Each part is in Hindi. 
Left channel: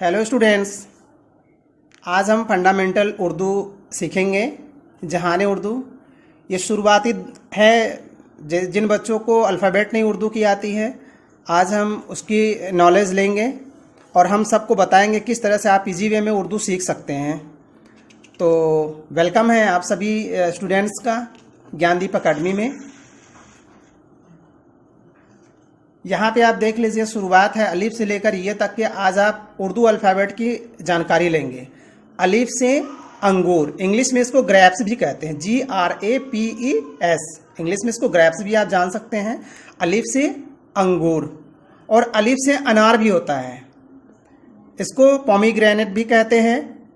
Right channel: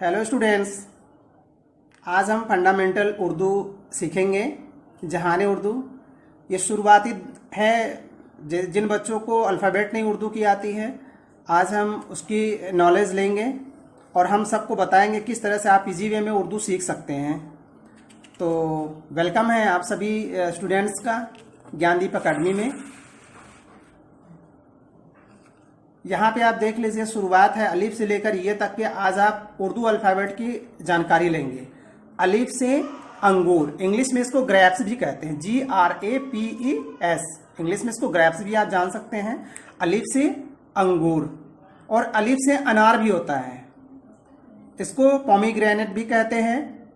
हेलो स्टूडेंट्स, आज हम फंडामेंटल उर्दू सीखेंगे। जहान उर्दू ये शुरुआती है। जिन बच्चों को अल्फ़ाबेट नहीं उर्दू की आती है, आज हम उसकी नॉलेज लेंगे और हम सबको बताएंगे किस तरह से आप इजी वे में उर्दू सीख सकते हैं। तो वेलकम है आप सभी स्टूडेंट्स का ज्ञानदीप अकेडमी में। यहाँ पे आप देख लीजिए, शुरुआत है अलिफ से लेकर ये तक के। आज आप उर्दू अल्फ़ाबेट की जानकारी लेंगे। अलिफ से अंगूर, इंग्लिश में इसको ग्रैप्स भी कहते हैं, GRAPES, इंग्लिश में इसको ग्रैप्स भी आप जान सकते हैं। अलिफ से अंगूर, और अलिफ से अनार भी होता है, इसको पोमीग्रेनेट भी कहते हैं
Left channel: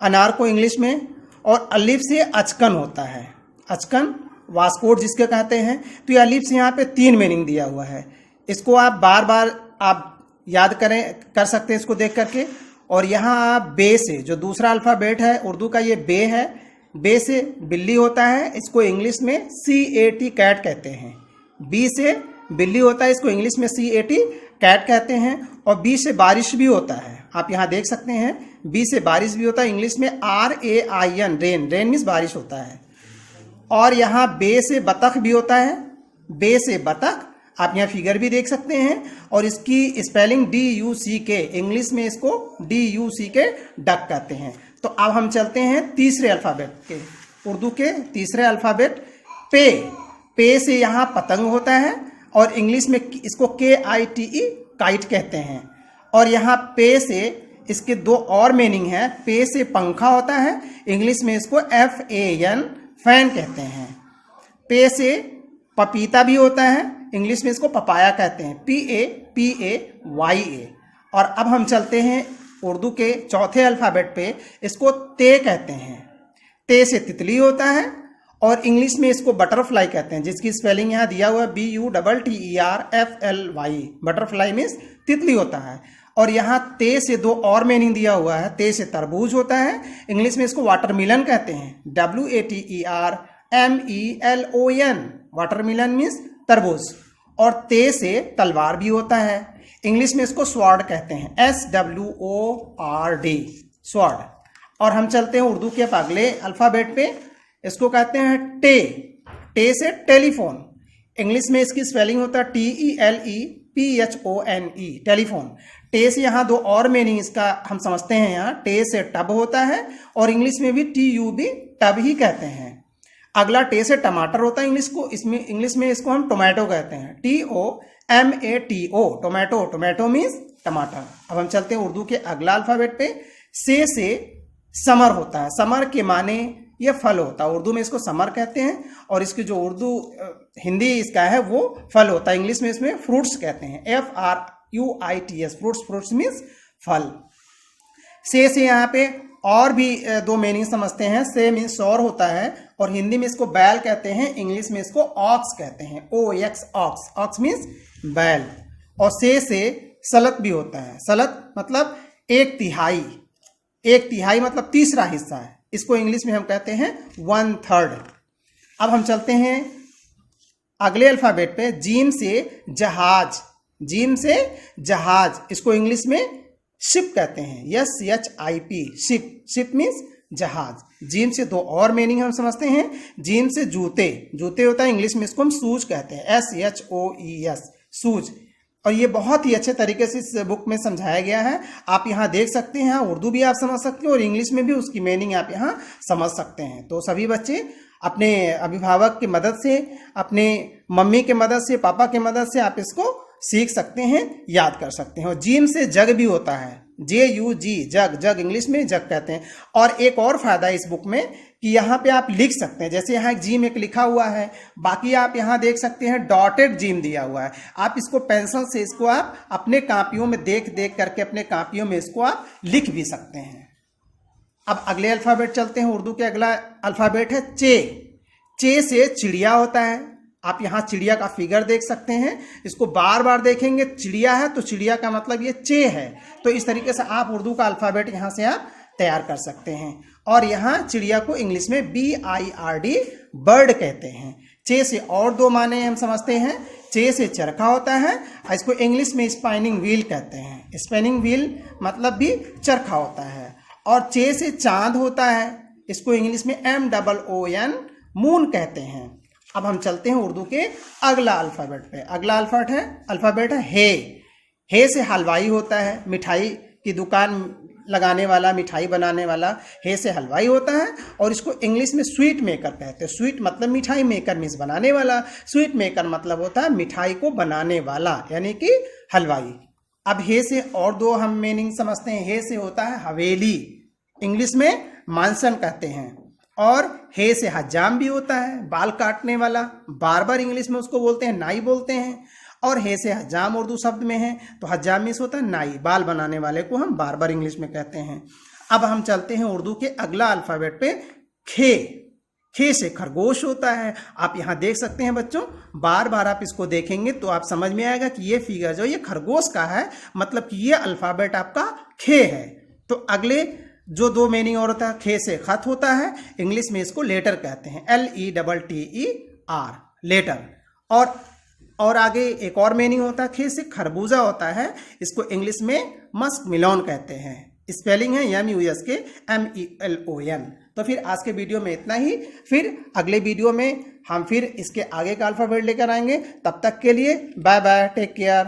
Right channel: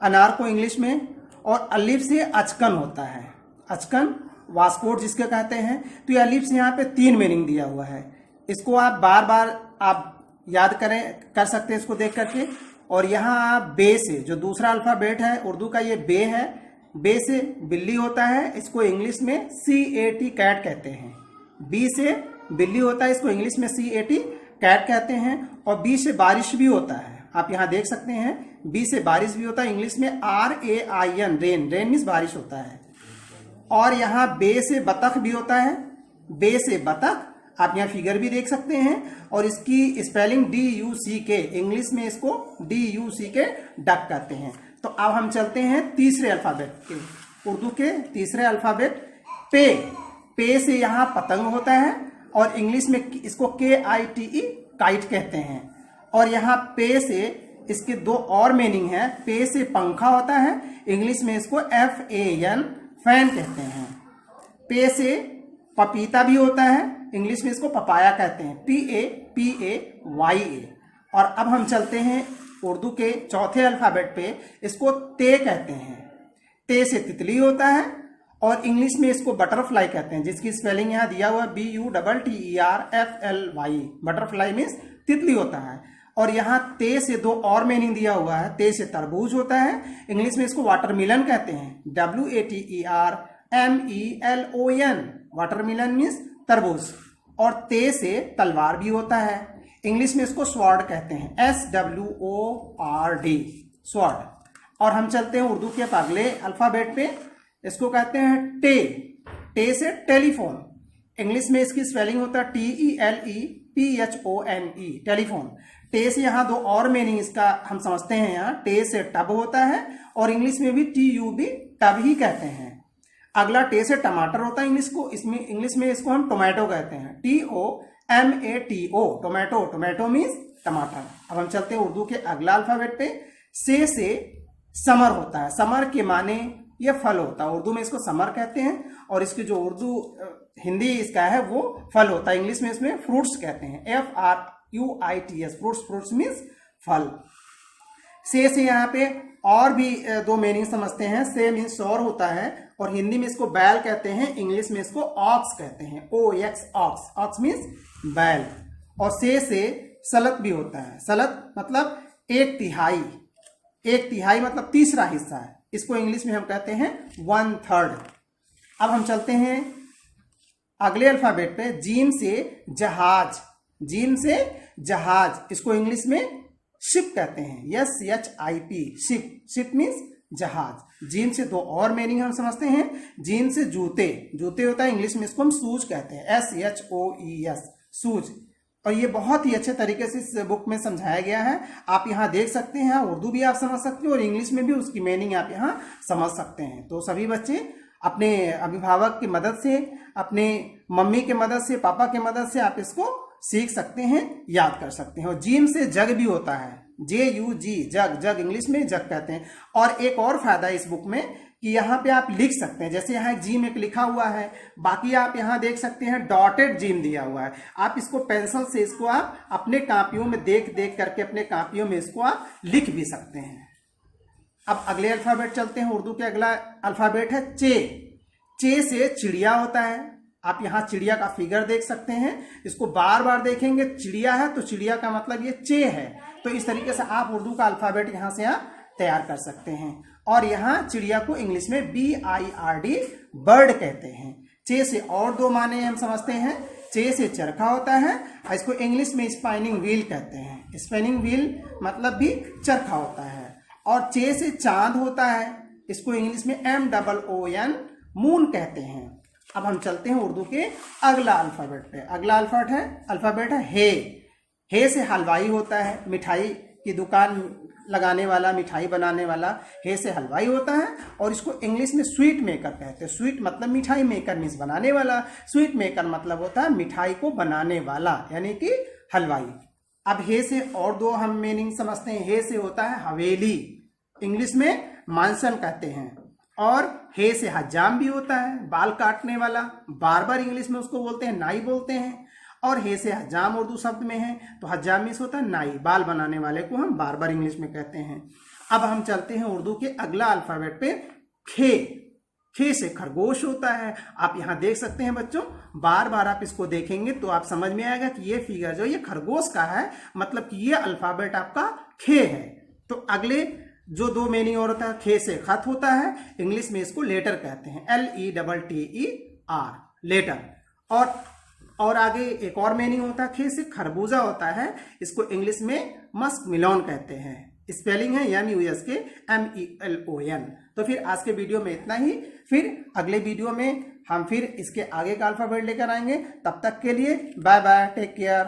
अनार को इंग्लिश में। और अलिफ से अचकन होता है, अचकन वास्कोट जिसके कहते हैं। तो ये अलिफ से यहाँ पे 3 मीनिंग दिया हुआ है। इसको आप बार बार आप याद कर सकते हैं इसको देख करके। और यहाँ आप बे से, जो दूसरा अल्फ़ाबेट है उर्दू का, ये बे है। बे से बिल्ली होता है, इसको इंग्लिश में CAT कैट कहते हैं। बी से बिल्ली होता है, इसको इंग्लिश में CAT कैट कहते हैं। और बी से बारिश भी होता है, आप यहाँ देख सकते हैं। बी से बारिश भी होता है, इंग्लिश में RAIN, रेन, रेन मीन्स बारिश होता है। और यहाँ बे से बतख भी होता है, बे से बतख, आप यहाँ फिगर भी देख सकते हैं। और इसकी स्पेलिंग DUCK, इंग्लिश में इसको DUCK डक कहते हैं। तो अब हम चलते हैं तीसरे अल्फ़ाबेट के, उर्दू के तीसरे अल्फ़ाबेट पे। पे से यहाँ पतंग होता है, और इंग्लिश में इसको KITE काइट कहते हैं। और यहाँ पे से इसके 2 और मीनिंग है। पे से पंखा होता है, इंग्लिश में इसको FAN फैन कहते हैं। पे से पपीता भी होता है, इंग्लिश में इसको पपाया कहते हैं, PAPAYA। और अब हम चलते हैं उर्दू के चौथे अल्फ़ाबेट पे, इसको ते कहते हैं। ते से तितली होता है, और इंग्लिश में इसको बटरफ्लाई कहते हैं, जिसकी स्पेलिंग यहाँ दिया हुआ है BUTTERFLY। बटरफ्लाई मीन्स तितली होता है। और यहाँ ते से 2 और मीनिंग दिया हुआ है। ते से तरबूज होता है, इंग्लिश में इसको वाटरमिलन कहते हैं, WATERMELON, वाटरमिलन मीन्स तरबूज। और ते से तलवार भी होता है, इंग्लिश में इसको स्वॉर्ड कहते हैं, SWORD, स्वॉर्ड। और हम चलते हैं उर्दू के अगले अल्फ़ाबेट पे, इसको कहते हैं टे। टे से टेलीफोन, इंग्लिश में इसकी स्पेलिंग होता है TELEPHONE, टेलीफोन। टे से यहाँ 2 और मीनिंग इसका हम समझते हैं। यहाँ टे से टब होता है, और इंग्लिश में भी TUB, टब ही कहते हैं। अगला टे से टमाटर होता है, इंग्लिश में इसको हम टोमेटो कहते हैं, TOMATO, टोमेटो, टोमेटो मीन्स टमाटर। अब हम चलते हैं उर्दू के अगला अल्फ़ाबेट पे। से समर होता है, समर के माने ये फल होता है, उर्दू में इसको समर कहते हैं। और इसकी जो उर्दू हिंदी इसका है वो फल होता है, इंग्लिश में इसमें फ्रूट्स कहते हैं, FRUITS, फ्रूट्स, फ्रूट्स मीन्स फल। से यहाँ पे और भी 2 मीनिंग समझते हैं। से मीन्स सौर होता है, और हिंदी में इसको बैल कहते हैं, इंग्लिश में इसको ऑक्स कहते हैं, OX, ऑक्स, ऑक्स मीन्स बैल। और से सलत भी होता है, सलत मतलब 1/3, 1/3 मतलब तीसरा हिस्सा है, इसको इंग्लिश में हम कहते हैं 1/3। अब हम चलते हैं अगले अल्फ़ाबेट पे, जीम से जहाज, जीम से जहाज, इसको इंग्लिश में शिप कहते हैं, SHIP, शिप, शिप मीन्स जहाज। जीम से 2 और मीनिंग हम समझते हैं। जीम से जूते, जूते होता है, इंग्लिश में इसको हम शूज कहते हैं, SHOES, शूज। और ये बहुत ही अच्छे तरीके से इस बुक में समझाया गया है, आप यहाँ देख सकते हैं। उर्दू भी आप समझ सकते हैं, और इंग्लिश में भी उसकी मीनिंग आप यहाँ समझ सकते हैं। तो सभी बच्चे अपने अभिभावक की मदद से, अपने मम्मी के मदद से, पापा के मदद से आप इसको सीख सकते हैं, याद कर सकते हैं। और जीम से जग भी होता है, JUG, जग, जग इंग्लिश में जग कहते हैं। और एक और फायदा इस बुक में कि यहाँ पे आप लिख सकते हैं, जैसे यहाँ एक जीम एक लिखा हुआ है, बाकी आप यहाँ देख सकते हैं डॉटेड जीम दिया हुआ है। आप इसको पेंसिल से इसको आप अपने कापियों में देख करके अपने कापियों में इसको आप लिख भी सकते हैं। अब अगले अल्फ़ाबेट चलते हैं, उर्दू के अगला अल्फ़ाबेट है चे। चे से चिड़िया होता है, आप यहाँ चिड़िया का फिगर देख सकते हैं, इसको बार बार देखेंगे, चिड़िया है तो चिड़िया का मतलब ये चे है। तो इस तरीके से आप उर्दू का अल्फ़ाबेट यहाँ से आप तैयार कर सकते हैं। और यहाँ चिड़िया को इंग्लिश में BIRD, बर्ड कहते हैं। चे से और 2 माने हम समझते हैं। चे से चरखा होता है, इसको इंग्लिश में स्पाइनिंग व्हील कहते हैं। स्पिनिंग व्हील मतलब भी चरखा होता है। और चे से चांद होता है, इसको इंग्लिश में MOON मून कहते हैं। अब हम चलते हैं उर्दू के अगला अल्फ़ाबेट पे। अगला अल्फ़ाबेट है हे। हे से हलवाई होता है, मिठाई की दुकान लगाने वाला, मिठाई बनाने वाला हे से हलवाई होता है। और इसको इंग्लिश में स्वीट मेकर कहते हैं। स्वीट मतलब मिठाई, मेकर मीन्स बनाने वाला। स्वीट मेकर मतलब होता है मिठाई को बनाने वाला, यानी कि हलवाई। अब हे से और दो हम मीनिंग समझते हैं। हे से होता है हवेली, इंग्लिश में मानसन कहते हैं। और हे से हजाम भी होता है, बाल काटने वाला, बार्बर इंग्लिश में उसको बोलते हैं, नाई बोलते हैं। और हे से हजाम उर्दू शब्द में है, तो हजाम मीन्स होता है नाई, बाल बनाने वाले को हम बार्बर इंग्लिश में कहते हैं। अब हम चलते हैं उर्दू के अगला अल्फ़ाबेट पे, खे। खे से खरगोश होता है। आप यहाँ देख सकते हैं बच्चों, बार बार आप इसको देखेंगे तो आप समझ में आएगा कि ये फिगर जो ये खरगोश का है, मतलब कि ये अल्फ़ाबेट आपका खे है। तो अगले जो दो मीनिंग और होता है, खे से खत होता है, इंग्लिश में इसको लेटर कहते हैं, LETTER, लेटर। और आगे एक और मीनिंग होता है, खे से खरबूजा होता है, इसको इंग्लिश में मस्क मिलोन कहते हैं। स्पेलिंग है MUSKMELON। तो फिर आज के वीडियो में इतना ही। फिर अगले वीडियो में हम फिर इसके आगे का अल्फ़ाबेट लेकर आएंगे। तब तक के लिए बाय बाय, टेक केयर।